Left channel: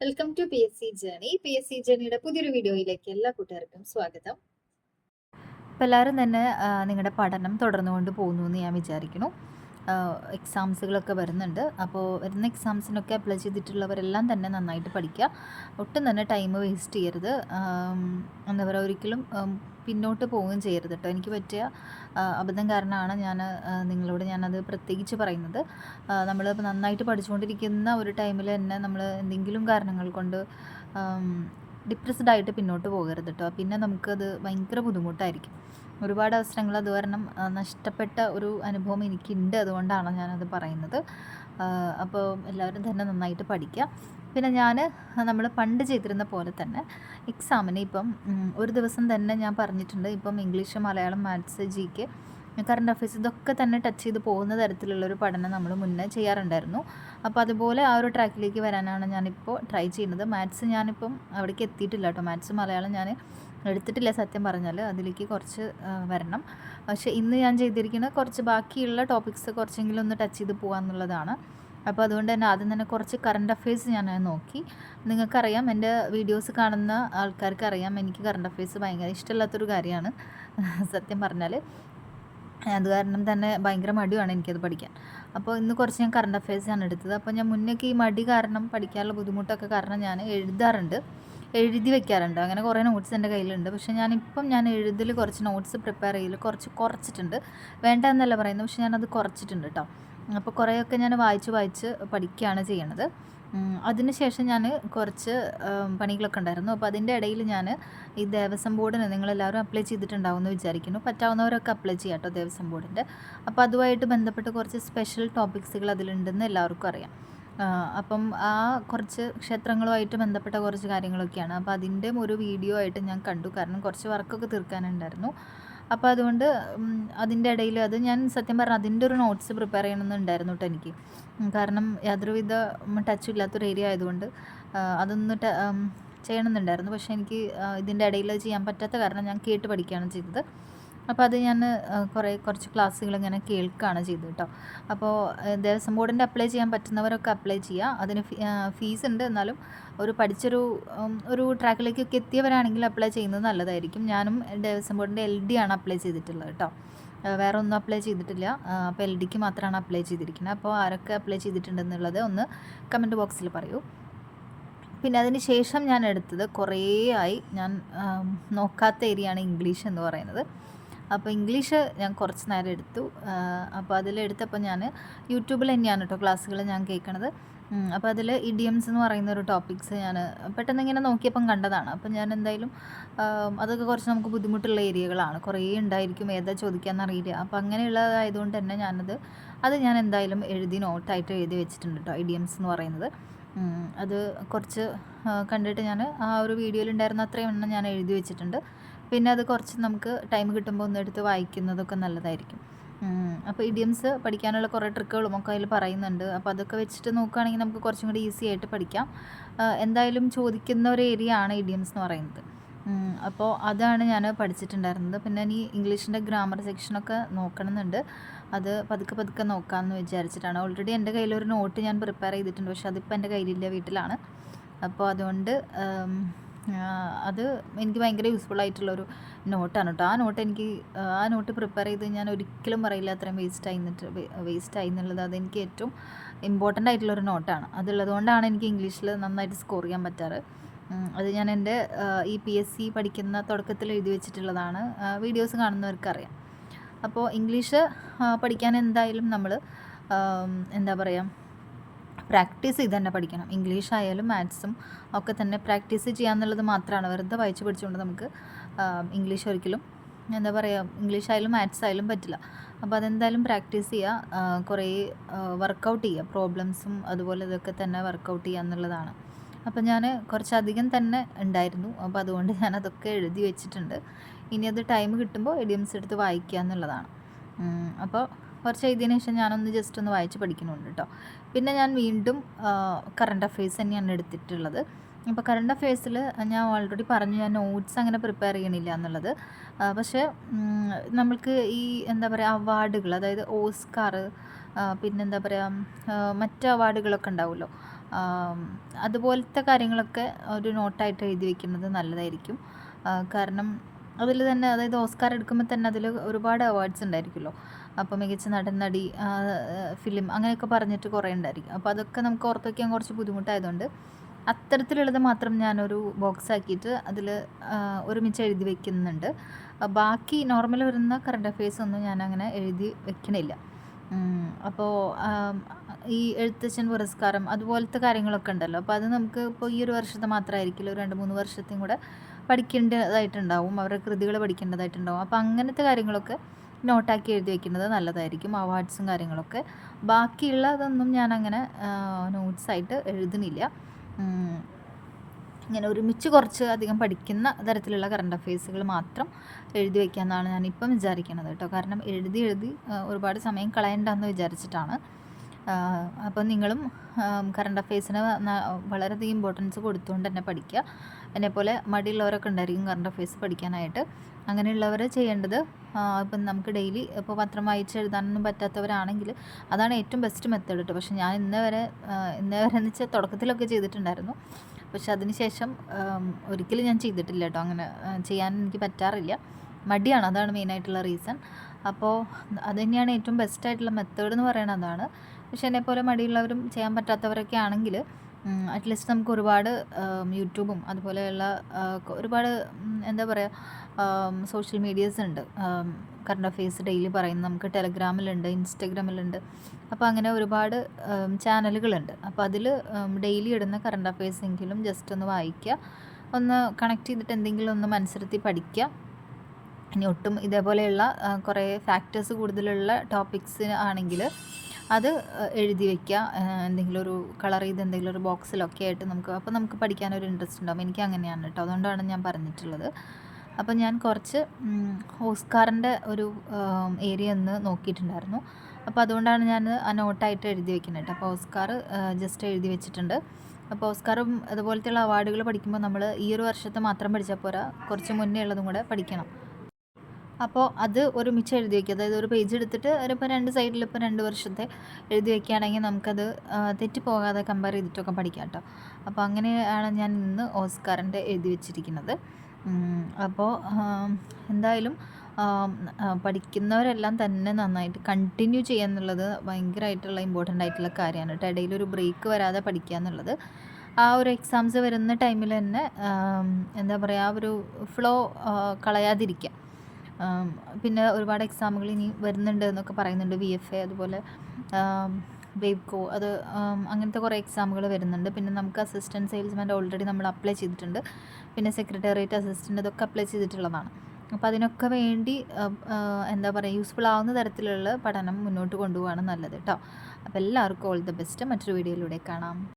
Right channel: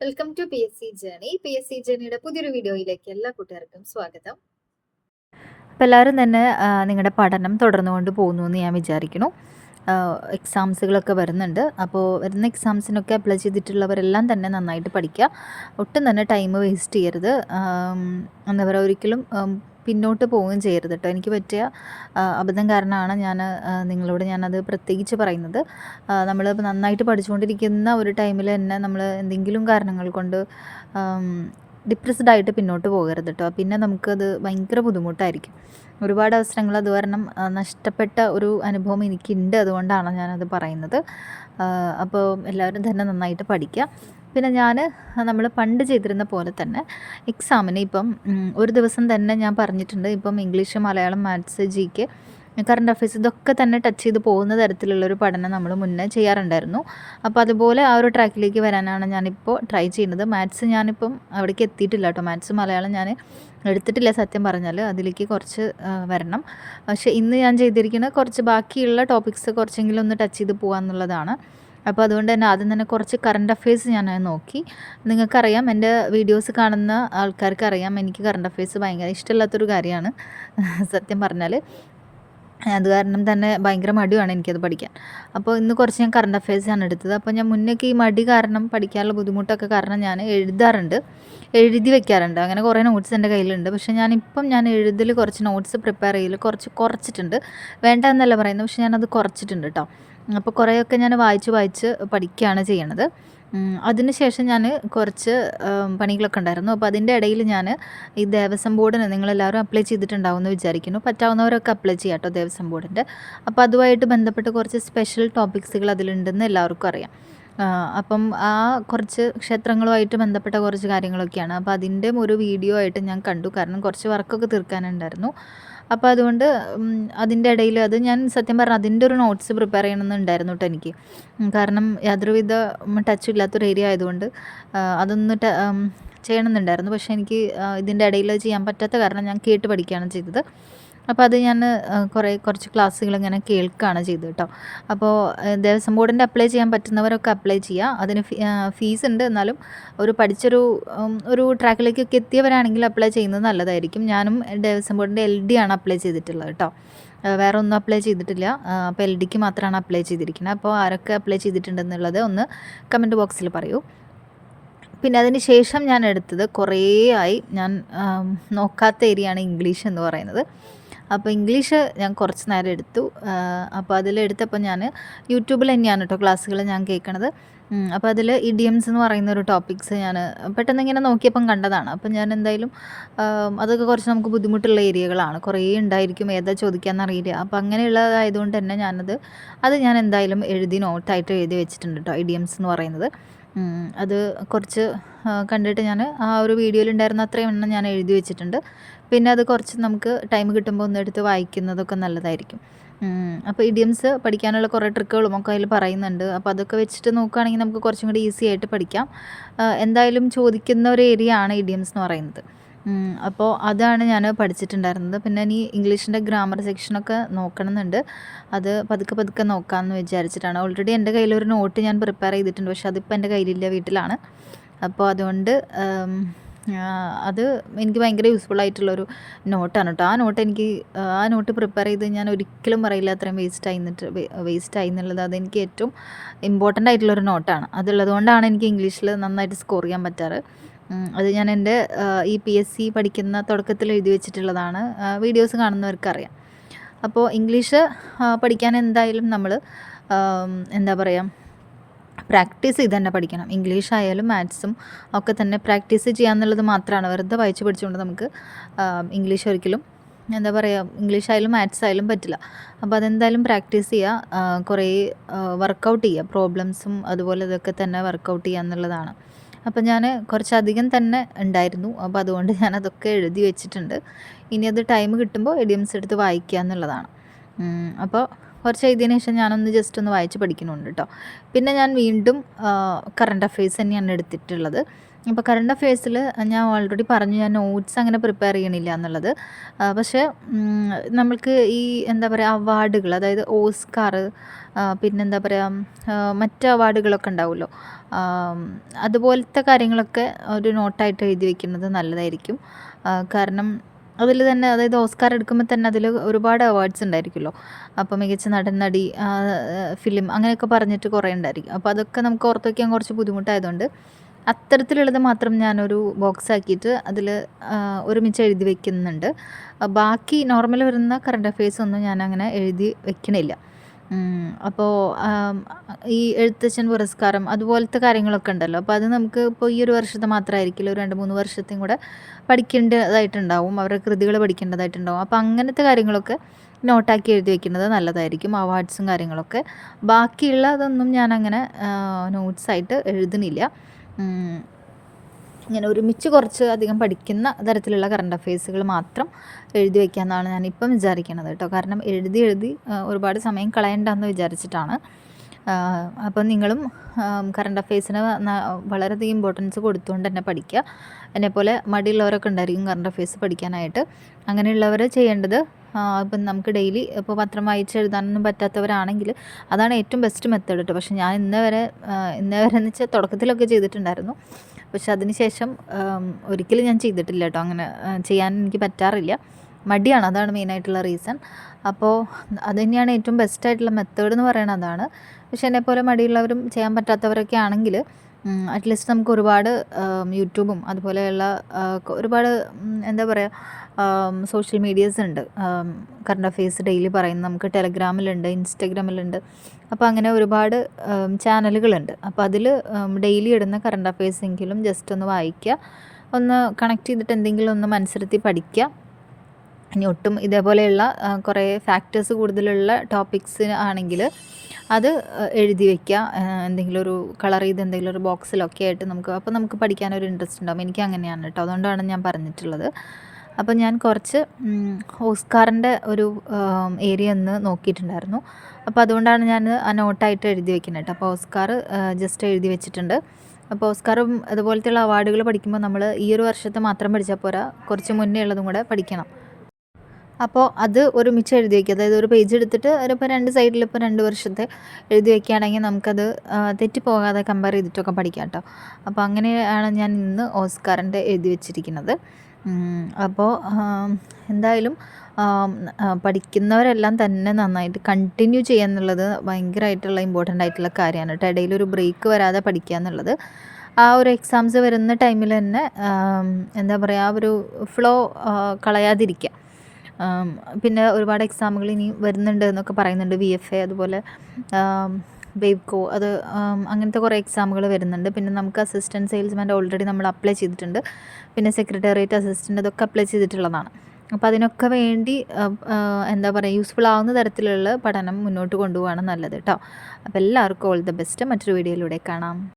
Welcome to P S C journey P S C ജേണിയുടെ പുതിയൊരു വീഡിയോയിലേക്ക് എല്ലാ കൂട്ടുകാർക്കും സ്വാഗതം. അപ്പോൾ എല്ലാവരും തന്നെ നിങ്ങളുടെ പഠനം തുടർന്നുകൊണ്ട് പോകുന്നു എന്ന് ഞാൻ വിചാരിക്കുന്നു. എക്സാംസുകളൊക്കെ വരുന്നുണ്ട്. അപ്പോൾ വരുന്ന എക്സാംസിനൊക്കെ അപ്ലൈ ചെയ്തിട്ടുള്ളവരെല്ലാം തന്നെ നന്നായിട്ട് പഠിക്കുക ഒട്ടും തന്നെ ടൈം വേസ്റ്റ് ചെയ്യരുത്. എന്താ പറയുക ഒരിക്കലും പിന്നോട്ട് പോവുകയും ചെയ്യരുത് കേട്ടോ എനിക്ക് പറ്റിയ അബദ്ധം കാരണമാണ് ഞാൻ നിങ്ങളോട് ഞാനത് പ്രത്യേകിച്ച് പറയുന്നത്. നമ്മൾ നന്നായിട്ട് പഠിച്ചുകൊണ്ടിരിക്കുന്ന ഒരു ടൈമിൽ തന്നെ നമ്മൾ എന്തെങ്കിലും കാരണങ്ങൾ കൊണ്ട് ഡിപ്രസ്ഡ് ആയിട്ട് പിന്നോട്ട് പോകരുത് കേട്ടോ പിന്നെ നമുക്കത് ഭയങ്കര ബുദ്ധിമുട്ടായിരിക്കും. ഒരുപാട് അവസരങ്ങൾ അത് കാരണം നഷ്ടപ്പെട്ട ഒരു അനുഭവം എനിക്കുണ്ട് അതുകൊണ്ടാണ് ഞാനത് പറയുന്നത്. അപ്പോൾ എല്ലാവരും തന്നെ നന്നായിട്ട് പഠിക്കുക പിന്നെ ഞാൻ നമ്മൾ പണ്ട് ചെയ്തിരുന്ന പോലെ തന്നെ എക്സാമിന് ഇപ്പം ഒരു ദിവസം തന്നെ ഞാൻ പറഞ്ഞിട്ടുണ്ട്. ഇപ്പം English Malayalam maths G current affairs ഇതൊക്കെ തന്നെ ടച്ച് ചെയ്ത് പോകുന്ന തരത്തിലുള്ളൊരു പഠനം നമ്മൾ മുന്നേ ചെയ്യാറുണ്ടായിരുന്നു. അപ്പോൾ അതുപോലെ ആ ഒരു ട്രാക്കിലേക്ക് വരാനാണ് ഞാനിപ്പോൾ ട്രൈ ചെയ്യുന്നത്. മാത്സ് ഞാനിപ്പം അവിടേക്ക് എത്തിയിട്ടില്ല കേട്ടോ. മാത്സ് മലയാളം ഞാൻ എടുത്തിട്ടില്ല സത്യം പറഞ്ഞാൽ അതിലേക്ക് കുറച്ച് വരണം. പക്ഷേ ഇന്ന് ഞാൻ ചെയ്തിരിക്കുന്നത് കുറച്ച് ബാക്കിയുള്ള ടോപ്പിക്സ് കുറച്ചെങ്കിലും ഒന്ന് ടച്ച് ചെയ്ത് പോകാമെന്നുള്ളതാണ് അപ്പോൾ അതുകൊണ്ട് തന്നെ ആദ്യം തന്നെ കുറച്ച് കറണ്ട് അഫയേഴ്സ് ഞാൻ നോക്കി. നിങ്ങൾക്കറിയാം എന്റെ വീഡിയോസ് കാണുന്ന ആൾക്കാർക്ക് അറിയാം എനിക്ക് കറണ്ട് അഫയേഴ്സ് ഭയങ്കര ഇഷ്ടമില്ലാത്തൊരു കാര്യമാണ്. സത്യം പറഞ്ഞാൽ അത് കാരണം തന്നെ ഭയങ്കര മടിയാണ് എനിക്കത് പഠിക്കാൻ. അപ്പോൾ ഇന്ന് കുറച്ച് ഞാൻ കറണ്ട് അഫയേഴ്സാണ് എടുത്തത്. അപ്പോൾ ഞാൻ മുന്നേക്ക് ഈ മടി കാരണം പഠിക്കാനുള്ള ബുദ്ധിമുട്ടൊക്കെ കാരണം ഞാൻ എഴുതാറുണ്ട്. എഴുതി വെക്കാറുണ്ട്. അങ്ങനെ കുറേ നോട്ട്സ് എന്റെ കയ്യിലുണ്ട്. പക്ഷേ ഞാനിപ്പം ഞാൻ എഴുതൽ കുറച്ച് നോട്ട്സ് പ്രിപ്പയർ ചെയ്യൽ കുറച്ച് കുറച്ചിട്ടുണ്ട്. വേണ്ട എന്നല്ല പറയുന്നത്. പക്ഷേ ഞാനത് കുറച്ചിട്ടുണ്ട് കേട്ടോ അപ്പോൾ കുറേയൊക്കെ ഞാൻ വായിച്ച് വായിച്ച് പഠിക്കുകയാണ് ചെയ്യണത്. ഉം, അതിന് ശേഷം ഞാൻ കുറച്ച് പണികളൊക്കെ ഉണ്ടായിരുന്നു. അപ്പോൾ അതിന്റെ ഇടയിൽ ഞാൻ ഈ ദേവസ്വം ബോർഡിന് നിങ്ങളെല്ലാവരും അപ്ലൈ ചെയ്തിട്ടുണ്ടാവും എന്ന് വിചാരിക്കുന്നു. പറ്റാവുന്നവരൊക്കെ അപ്ലൈ ചെയ്യാം കേട്ടോ ദേവസ്വം ബോർഡിന്റെ അപ്പോൾ അതുമായിട്ട് ബന്ധപ്പെട്ട് കുറച്ച് സ്പെഷ്യൽ ടോപ്പിക്സുകൾ അതിലുണ്ടെന്ന് എല്ലാവർക്കും അറിയാം. അപ്പം ആ കുറച്ച് ക്ഷേത്രങ്ങളുമായിട്ട് ബന്ധപ്പെട്ട കുറച്ച് കാര്യങ്ങളൊക്കെയാണ്. അപ്പോൾ അതിന്റെ ഒരു വീഡിയോ ആയിട്ട് ഞാൻ കണ്ടു. കാരണം കുറച്ച് വർക്കൊക്കെ തീർക്കാനുണ്ടായിരുന്നു. അപ്പോൾ അതുകൊണ്ട് അതിന്റെ ഇടയിൽ അത് ഞാൻ സത്യം പറഞ്ഞാൽ അതിന്റെ ഒരു നോട്ട്സ് പ്രിപ്പയർ ചെയ്യണമെന്നുണ്ടായിരുന്നു കേട്ടോ എനിക്ക്. കാരണം യാതൊരുവിധ ടച്ച് ഇല്ലാത്തൊരു ഏരിയ ആയതുകൊണ്ട് അതൊന്ന് ചെയ്യണമെന്നുണ്ടായിരുന്നു. പക്ഷേ എനിക്ക് ഇതിന്റെ ഇടയിൽ ചെയ്യാൻ പറ്റാത്ത കാരണം ഞാൻ കേട്ട് പഠിക്കുകയാണ് ചെയ്തത്. അപ്പോൾ അത് ഞാൻ കുറേ കുറച്ച് ക്ലാസ്സുകൾ ഇങ്ങനെ കേൾക്കുകയാണ് ചെയ്തത് കേട്ടോ അപ്പോൾ ദേവസ്വം ബോർഡിന്റെ അപ്ലൈ ചെയ്യാൻ പറ്റുന്നവരൊക്കെ അപ്ലൈ ചെയ്യുക അതിന് ഫീസ് ഉണ്ട് എന്നാലും ഒരു പഠിച്ചൊരു ഒരു ട്രാക്കിലേക്കൊക്കെ എത്തിയവരാണെങ്കിൽ അപ്ലൈ ചെയ്യുന്നത് നല്ലതായിരിക്കും. ഞാനും ദേവസ്വം ബോർഡിന്റെ എൽ ഡി ആണ് അപ്ലൈ ചെയ്തിട്ടുള്ളത് കേട്ടോ വേറെ ഒന്നും അപ്ലൈ ചെയ്തിട്ടില്ല. അപ്പോൾ എൽ ഡിക്ക് മാത്രമാണ് അപ്ലൈ ചെയ്തിരിക്കുന്നത് അപ്പോൾ ആരൊക്കെ അപ്ലൈ ചെയ്തിട്ടുണ്ടെന്നുള്ളത് ഒന്ന് കമന്റ് ബോക്സിൽ പറയൂ. പിന്നെ അതിന് ശേഷം ഞാൻ എടുത്തത് കുറേ ആയി. ഞാൻ നോക്കാത്ത ഏരിയയാണ് ഇംഗ്ലീഷ് എന്ന് പറയുന്നത്. അപ്പോൾ ഇംഗ്ലീഷ് ഞാൻ കുറച്ച് നേരം എടുത്തു. അപ്പോൾ അതിലെടുത്തപ്പോൾ ഞാൻ യൂട്യൂബിൽ തന്നെയാണ് കേട്ടോ ക്ലാസ്സുകൾ ഞാൻ കേൾക്കണത് അപ്പോൾ അതിൽ ഇഡിയംസ് എന്ന് പറയുന്ന ഒരു ടോപ്പിക്സ് ഞാൻ പെട്ടെന്ന് ഇങ്ങനെ നോക്കിയപ്പം കണ്ടതാണ്. അപ്പോൾ ഞാൻ എന്തായാലും അതൊക്കെ കുറച്ച് നമുക്ക് ബുദ്ധിമുട്ടുള്ള ഏരിയകളാണ്. കുറേ ഉണ്ടായിരിക്കും ഏതാ ചോദിക്കാമെന്ന് അറിയില്ല. അപ്പോൾ അങ്ങനെയുള്ളതായതുകൊണ്ട് തന്നെ ഞാനത് അത് ഞാൻ എന്തായാലും എഴുതി നോട്ടായിട്ട് എഴുതി വെച്ചിട്ടുണ്ട് കേട്ടോ ഇഡിയംസ് എന്ന് പറയുന്നത്. അത് കുറച്ച് കണ്ടിട്ട് ഞാൻ ആ ഒരു വീഡിയോയിൽ ഉണ്ടായിരുന്ന അത്രയും എണ്ണം ഞാൻ എഴുതി വെച്ചിട്ടുണ്ട്. പിന്നെ അത് കുറച്ച് നമുക്ക് ടൈം കിട്ടുമ്പോൾ ഒന്ന് എടുത്ത് വായിക്കുന്നതൊക്കെ നല്ലതായിരിക്കും. അപ്പോൾ ഇഡിയംസ് പഠിക്കാനുള്ള കുറേ ട്രിക്കുകളും ഒക്കെ അതിൽ പറയുന്നുണ്ട്. അപ്പോൾ അതൊക്കെ വെച്ചിട്ട് നോക്കുകയാണെങ്കിൽ നമുക്ക് കുറച്ചും കൂടി ഈസി ആയിട്ട് പഠിക്കാം. എന്തായാലും ചോദിക്കുന്ന ഒരു ഏരിയ ആണ് ഇഡിയംസ് എന്ന് പറയുന്നത്. അപ്പോൾ അതാണ് ഞാൻ പഠിച്ചിട്ടുണ്ടായിരുന്നത്. പിന്നെ ഇനി ഇംഗ്ലീഷിന്റെ ഗ്രാമർ സെക്ഷനൊക്കെ നോക്കണമെന്നുണ്ട്. അത് പതുക്കെ പതുക്കെ നോക്കാമെന്ന് വിചാരിച്ചിട്ടാണ്. ഓൾറെഡി എന്റെ കയ്യിലൊരു നോട്ട് ഞാൻ പ്രിപ്പയർ ചെയ്തിട്ടുണ്ട്. പക്ഷേ അതിപ്പോൾ എന്റെ കയ്യിലില്ല വീട്ടിലാണ്. അപ്പോൾ അതുകൊണ്ട് അത് എനിക്ക് ഭയങ്കര യൂസ്ഫുൾ ആയിട്ടുള്ളൊരു നോട്ടാണ് കേട്ടോ ആ നോട്ട് എനിക്ക് ആ, നോട്ട് പ്രിപ്പയർ ചെയ്ത് ഞാൻ ഒരിക്കലും പറയില്ല അത്രയും വേസ്റ്റ് ആയി എന്നിട്ട് വേസ്റ്റ് ആയി എന്നുള്ളത് അതെനിക്ക് ഏറ്റവും ഇമ്പോർട്ടന്റ് ആയിട്ടുള്ളൊരു നോട്ടാണ് അതുള്ളത് കൊണ്ടാണ് എനിക്ക് ഇംഗ്ലീഷിൽ നന്നായിട്ട് സ്കോർ ചെയ്യാൻ പറ്റാറ്. അത് ഞാൻ എന്റെ ഈ പി എസ് സി പഠിക്കുന്ന തുടക്കത്തിൽ എഴുതി വെച്ചിട്ടുള്ളതാണ്. വീഡിയോസ് കാണുന്നവർക്കറിയാം അപ്പോൾ ഇംഗ്ലീഷ് പഠിക്കാൻ എന്തായാലും നമ്മൾ എന്താ പറയുക പ്രാക്ടീസ് ചെയ്ത് തന്നെ പഠിക്കണം. ഇംഗ്ലീഷ് ആയാലും മാത്സും ഒക്കെ തന്നെ പ്രാക്ടീസ് ചെയ്യാന്നുള്ളത് മാത്രമാണ് വെറുതെ വായിച്ച് പഠിച്ചുകൊണ്ട് നമുക്ക് ഇംഗ്ലീഷ് ഒരിക്കലും എന്താ പറയുക ഇംഗ്ലീഷ് ആയാലും മാത്സ് ആയാലും പറ്റില്ല. അപ്പോൾ അതെന്തായാലും പ്രാക്ടീസ് ചെയ്യുക കുറേ വർക്കൗട്ട് ചെയ്യുക പ്രോബ്ലംസും അതുപോലെ ഇതൊക്കെ തന്നെ വർക്കൗട്ട് ചെയ്യുക എന്നുള്ളതാണ്. അപ്പോൾ ഞാൻ കുറച്ചധികം തന്നെ ഉണ്ടായിരുന്നു. അപ്പോൾ അതുകൊണ്ട് ഞാൻ അതൊക്കെ എഴുതി വെച്ചിട്ടുണ്ട്. ഇനി അത് ടൈം കിട്ടുമ്പോൾ എഡിയംസ് എടുത്ത് വായിക്കുക എന്നുള്ളതാണ് അപ്പോൾ കുറച്ച് എഴുതിയതിന് ശേഷം ഞാനൊന്ന് ജസ്റ്റ് ഒന്ന് വായിച്ച് പഠിക്കുന്നുണ്ട് കേട്ടോ പിന്നെ ഞാൻ വീണ്ടും കറണ്ട് അഫയേഴ്സ് തന്നെയാണ് എടുത്തിട്ടുള്ളത്. ഇപ്പോൾ കറണ്ട് അഫയേഴ്സിൽ ഞാൻ ഓൾറെഡി പറഞ്ഞു ഞാൻ നോട്ട്സ് അങ്ങനെ പ്രിപ്പയർ ചെയ്യണില്ല എന്നുള്ളത്. പക്ഷേ നമ്മൾക്ക് ഈ എന്താ പറയുക അവാർഡുകൾ അതായത് ഓസ്കാർ പിന്നെന്താ പറയുക മറ്റ് അവാർഡുകളൊക്കെ ഉണ്ടാവുമല്ലോ. അതുപോലത്തെ കാര്യങ്ങളൊക്കെ ഒരു നോട്ടായിട്ട് എഴുതി വെക്കുന്നത് നല്ലതായിരിക്കും. കാരണം അതിൽ തന്നെ അതായത് ഓസ്കാർ എടുക്കുമ്പോൾ തന്നെ അതിൽ ഒരുപാട് അവാർഡ്സ് ഉണ്ടായിരിക്കുമല്ലോ. അപ്പോൾ മികച്ച നടൻ നടി ഫിലിം അങ്ങനെയൊക്കെ പറഞ്ഞിട്ട് കുറേ ഉണ്ടായിരിക്കും. അപ്പോൾ അതൊക്കെ നമുക്ക് ഓർത്ത് വയ്ക്കാൻ കുറച്ച് ബുദ്ധിമുട്ടായതുകൊണ്ട് അത്തരത്തിലുള്ളത് മാത്രം ഞാനൊരു ബോക്സ് ആക്കിയിട്ട് അതിൽ ഒരുമിച്ച് എഴുതി വെക്കുന്നുണ്ട്. ബാക്കി നോർമൽ വരുന്ന കറണ്ട് അഫയേഴ്സ് ഒന്നും ഞാൻ അങ്ങനെ എഴുതി വെക്കണില്ല. അപ്പോൾ ഈ എഴുത്തച്ഛൻ പുരസ്കാരം അതുപോലത്തെ കാര്യങ്ങളൊക്കെ ഉണ്ടല്ലോ. അപ്പോൾ അത് നമുക്ക് ഇപ്പോൾ ഈ ഒരു വർഷത്തെ മാത്രമായിരിക്കില്ല? ഒരു രണ്ട് മൂന്ന് വർഷത്തെയും കൂടെ പഠിക്കേണ്ടതായിട്ടുണ്ടാവും. അവരുടെ കൃതികൾ പഠിക്കേണ്ടതായിട്ടുണ്ടാവും. അപ്പോൾ അങ്ങനത്തെ കാര്യങ്ങളൊക്കെ നോട്ടാക്കി എഴുതി വെക്കുന്നത് നല്ലതായിരിക്കും. അവാർഡ്സും കാര്യങ്ങളൊക്കെ. ബാക്കിയുള്ളതൊന്നും ഞാൻ അങ്ങനെ നോട്ട്സായിട്ട് എഴുതുന്നില്ല. ഇങ്ങനെ ഒരുമിച്ച് കുറച്ച് അധികം പഠിക്കുന്ന തരത്തിലുള്ള കറണ്ട് അഫയേഴ്സുകൾ മാത്രം എഴുതി വയ്ക്കാമെന്നാണ് ഞാൻ ഇപ്പം വിചാരിക്കുന്നത് കേട്ടോ. കാരണം എഴുതി എഴുതി ഒരുപാട് സമയം കളയണ്ടെന്ന് വിചാരിച്ചിട്ടാണ്. അപ്പം നിങ്ങളും കറണ്ട് അഫയേഴ്സിന് വളരെയധികം ഇമ്പോർട്ടൻസ് കൊടുത്തുകൊണ്ട് തന്നെ പഠിക്കുക. എന്നെപ്പോലെ മടിയുള്ളവരൊക്കെ ഉണ്ടായിരിക്കും കറണ്ട് അഫയേഴ്സ് പഠിക്കാനായിട്ട്. അങ്ങനെയുള്ളവർ ചെയ്യേണ്ടത് ഇപ്പം നമുക്ക് ഡെയിലി ഇപ്പോൾ പത്രം വായിച്ച് എഴുതാനൊന്നും പറ്റാത്തവരാണെങ്കിൽ അതാണ് ഏറ്റവും ബെസ്റ്റ് മെത്തേഡ് കേട്ടോ പക്ഷേ ഞാൻ ഇന്ന് വരെ ഇന്ന വരെ എന്ന് വെച്ചാൽ തുടക്കത്തിലൊക്കെ ചെയ്തിട്ടുണ്ടായിരുന്നു. പക്ഷെ അതിന് ശേഷം ഒരിക്കലും ഞാൻ ചെയ്തിട്ടില്ല കേട്ടോ അങ്ങനെ ചെയ്യാൻ എനിക്ക് പറ്റാറില്ല. മടിയാണ് അതാണ് മെയിനായിട്ടുള്ള റീസൺ അപ്പോൾ അത് തന്നെയാണ് ഏറ്റവും ബെസ്റ്റ് ആയിട്ടുള്ള മെത്തേഡ് എന്ന് പറയുന്നത് അതാണ്. പക്ഷേ എന്നെപ്പോലെ മടിയുള്ളവരും ചെയ്യാൻ പറ്റാത്തവരൊക്കെ ആണെങ്കിൽ അറ്റ്ലീസ്റ്റ് നമുക്ക് ഒരുപാട് യൂട്യൂബും അതുപോലെയുള്ള ഒരുപാട് എന്താ പറയുക സോഷ്യൽ മീഡിയസ് ഉണ്ട്. കറണ്ട് അഫെയർസ് ഡെയിലി പറയുന്ന നമുക്ക് ടെലഗ്രാമിലുണ്ട് ഇൻസ്റ്റഗ്രാമിലുണ്ട് അപ്പോൾ അങ്ങനെ ഒരുപാട് ചാനലുകളുണ്ട് അപ്പോൾ അതിൽ ഡെയിലി ഇടുന്ന കറണ്ട് അഫെയർസ് എങ്കിലും ജസ്റ്റ് ഒന്ന് വായിക്കുക. ഒന്ന് കണക്ട് ചെയ്തിട്ട് എന്തെങ്കിലും ഒന്ന് മനസ്സിരുത്തി പഠിക്കുക. ഇനി ഒട്ടും ഇതേപോലെയുള്ള കുറേ ഫാക്ടേഴ്സ് കൂടുതലുള്ള ടോപ്പിക്സ് ആണെങ്കിൽ അത് എഴുതി വയ്ക്കുക എന്തെങ്കിലും ഒരു കളർ ചെയ്ത് എന്തെങ്കിലും ഒരു ബോക്സിലൊക്കെ ആയിട്ട് നമുക്ക് അപ്പോൾ നമുക്ക് പഠിക്കാനൊരു ഇൻട്രസ്റ്റ് ഉണ്ടാകും എനിക്ക് അങ്ങനെയാണ് കേട്ടോ. അതുകൊണ്ടാണ് ഞാൻ പറഞ്ഞിട്ടുള്ളത്. അപ്പോൾ ഞാൻ കുറച്ച് ഓസ്കാറിന്റെ ഒരു ഏരിയ ഒന്ന് നോക്കിയിട്ടുണ്ടായിരുന്നു. അപ്പോൾ അതുകൊണ്ടാണ് ഞാൻ ആ നോട്ടായിട്ട് എഴുതി വെക്കുന്നത് കേട്ടോ. അപ്പോൾ ഓസ്കാർ ജസ്റ്റ് എഴുതി വെച്ചിട്ടുണ്ട്. അപ്പോൾ ഓസ്കാറും അതുപോലത്തെയുള്ള അവാർഡുകൾ പഠിക്കുമ്പോൾ നമ്മൾ ഈ ഒരു വർഷത്തെ മാത്രം പഠിച്ചാൽ പോരാ. കുറച്ച് മുന്നേ ഉള്ളതും കൂടെ പഠിക്കണം. അപ്പോൾ അത് ഒരുമിച്ച് എഴുതി വയ്ക്കുക അതായത് ഒരു പേജ് എടുത്തിട്ട് ഒരിപ്പോൾ രണ്ട് സൈഡിൽ ഇപ്പോൾ രണ്ട് വർഷത്തെ എഴുതി വയ്ക്കുകയാണെങ്കിൽ നമുക്കത് തെറ്റി തെറ്റിപ്പോകാതെ കമ്പയർ ചെയ്തിട്ടൊക്കെ പഠിക്കാം കേട്ടോ അപ്പോൾ അങ്ങനെയാണ് ഞാൻ ഇന്ന് ഓസ്കാറിന്റെ എഴുതി വെച്ചിരിക്കുന്നത്. അപ്പോൾ എന്തായാലും പഠിക്കുന്നവരെല്ലാം തന്നെ നന്നായിട്ട് കണ്ടിന്യൂ ചെയ്യുക എന്നുള്ളത് ഭയങ്കരമായിട്ടുള്ള ഇമ്പോർട്ടന്റ് ആയിട്ടുള്ള കാര്യമാണ് കേട്ടോ ഇടയിൽ ഒരു ബ്രേക്ക് വരാതെ പഠിക്കുക എന്നുള്ളത്. ആ ഒരു എക്സാംസ് വരുന്ന ടൈമിൽ തന്നെ എന്താ പറയുക ആ ഒരു ഫ്ലോ കളയാതിരിക്കുക. പിന്നെ ഒരുപാട് എക്സാമുകൾ ഇനി വരുന്നുണ്ട് എന്നൊക്കെ പറയുന്നുണ്ട്. വി എഫ് എ അതുപോലെ വേവ്കോ അത് അങ്ങനത്തെ കുറേ എക്സാമുകൾ വരുന്നുണ്ട്. പിന്നെ നമുക്ക് അസിസ്റ്റന്റ് സെയിൽസ്മാൻ ഓൾറെഡി നമ്മൾ അപ്ലൈ ചെയ്തിട്ടുണ്ട്. പിന്നെ സെക്രട്ടേറിയറ്റ് അസിസ്റ്റന്റ് അതൊക്കെ അപ്ലൈ ചെയ്തിട്ടുള്ളതാണ്. അപ്പോൾ അതിനൊക്കെ വേണ്ടി എന്താ പറയുക യൂസ്ഫുൾ ആവുന്ന തരത്തിലുള്ള പഠനം മുന്നോട്ട് കൊണ്ടുപോവാണ് നല്ലത് കേട്ടോ അപ്പോൾ എല്ലാവർക്കും ഓൾ ദ ബെസ്റ്റ് മറ്റൊരു വീഡിയോയിലൂടെ കാണാം.